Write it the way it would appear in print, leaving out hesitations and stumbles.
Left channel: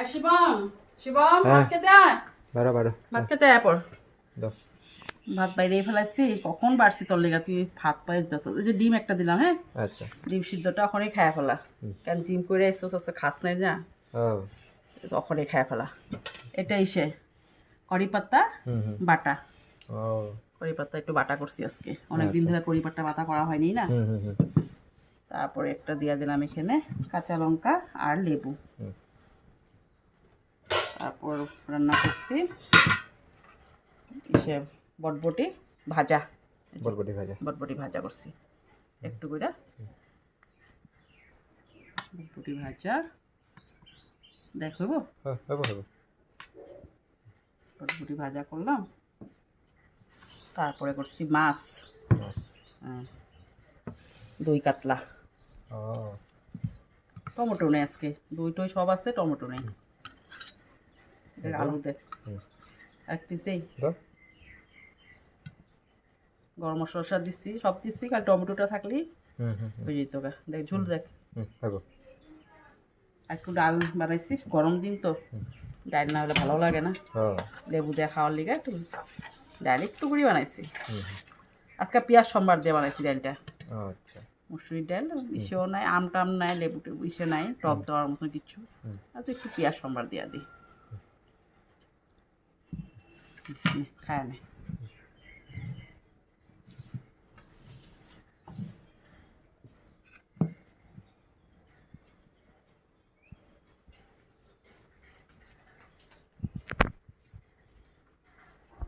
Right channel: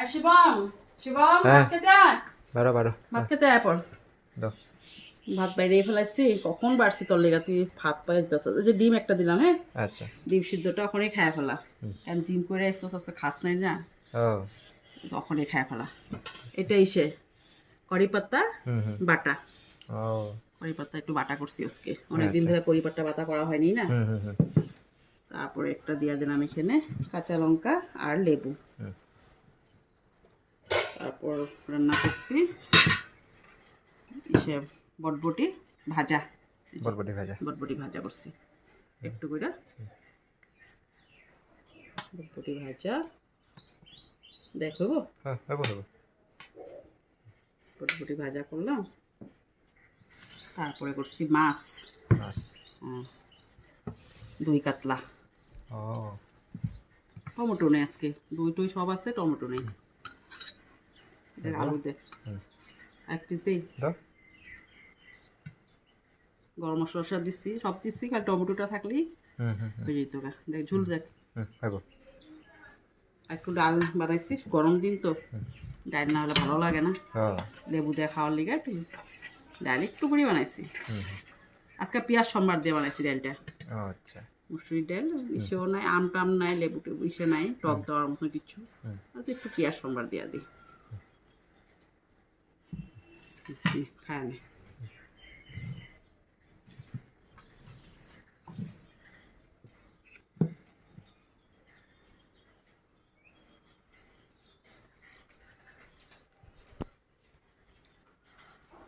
আর শিবম শিবম হ্যাঁ। ভাত খেতে আয়। বারো ভাত খেতে আয় পর। দাও। ভাত বাইরে ফেলাইছি, কখন বাড়ছি তোর লেগা, তুই ভাত পাই দিতেছ। এই যে ডিম একটা দিলাম, হ্যাঁ আচ্ছা। ডিম সিদ্ধটা ওখানেই খায়া ফেলা। হুম। কারণ ডিম করে এসছ আছে খাস নাই না, ও ওখানেই খায়া ফেলা। এটা ইসে কড়ি পাতা হুম হুম বাটা, ও কড়ি পাতা একটু বাটা করছি আজকে, অনেকদিন আচ্ছা। ধরে কড়ি পাতা বাটা করা হয়নি না। হুম হুম হুম তারপরে একটা দিয়ে দিলাম এখানে কাঁচা লঙ্কা আর লেবু। হুম তারপর রান্না করছি ইসে বটবটি ভাজা, বরবটি ভাজা। বটবটি ভাজা করছি একটু করে, বটবটি ভাজা দেখো হ্যাঁ হবো হবো। বটবটি ভাজা করলাম। তারপরে করছি মাছ, মাছ। দই কাতলা, ও টমেটো নেই আজকে, দই টই সব আছে, টমেটো নেই। এটা আলু দে, হুম এক পিস দেই। দাও। গরম মশলা দিচ্ছি, সব দিচ্ছি, খালি টমেটোটা থাকলেই হুম হুম হয়ে যেত। দেখ ঝোল দেখ। হুম হবো। আর একটু ডাল বানাইছি, গরম দিন তো হুম ডাল না হলে ভালো লাগে না, ও লেবু দিয়ে খাওয়ার লিগে একটু ডাল একটু করে বানাইছি। হুম হুম আজকে পেঁয়াজ সম্বার দিয়ে বানাইছি ডালটা। ও আচ্ছা। মুসুরির ডাল ইসেও নাই, আম টাম নাই, লেবু টেবু ইসে নাই, টক দেওয়ার মতো কিছু। হুম আর একটু পেঁয়াজ সম্বার দিয়া দিই, খায় নে।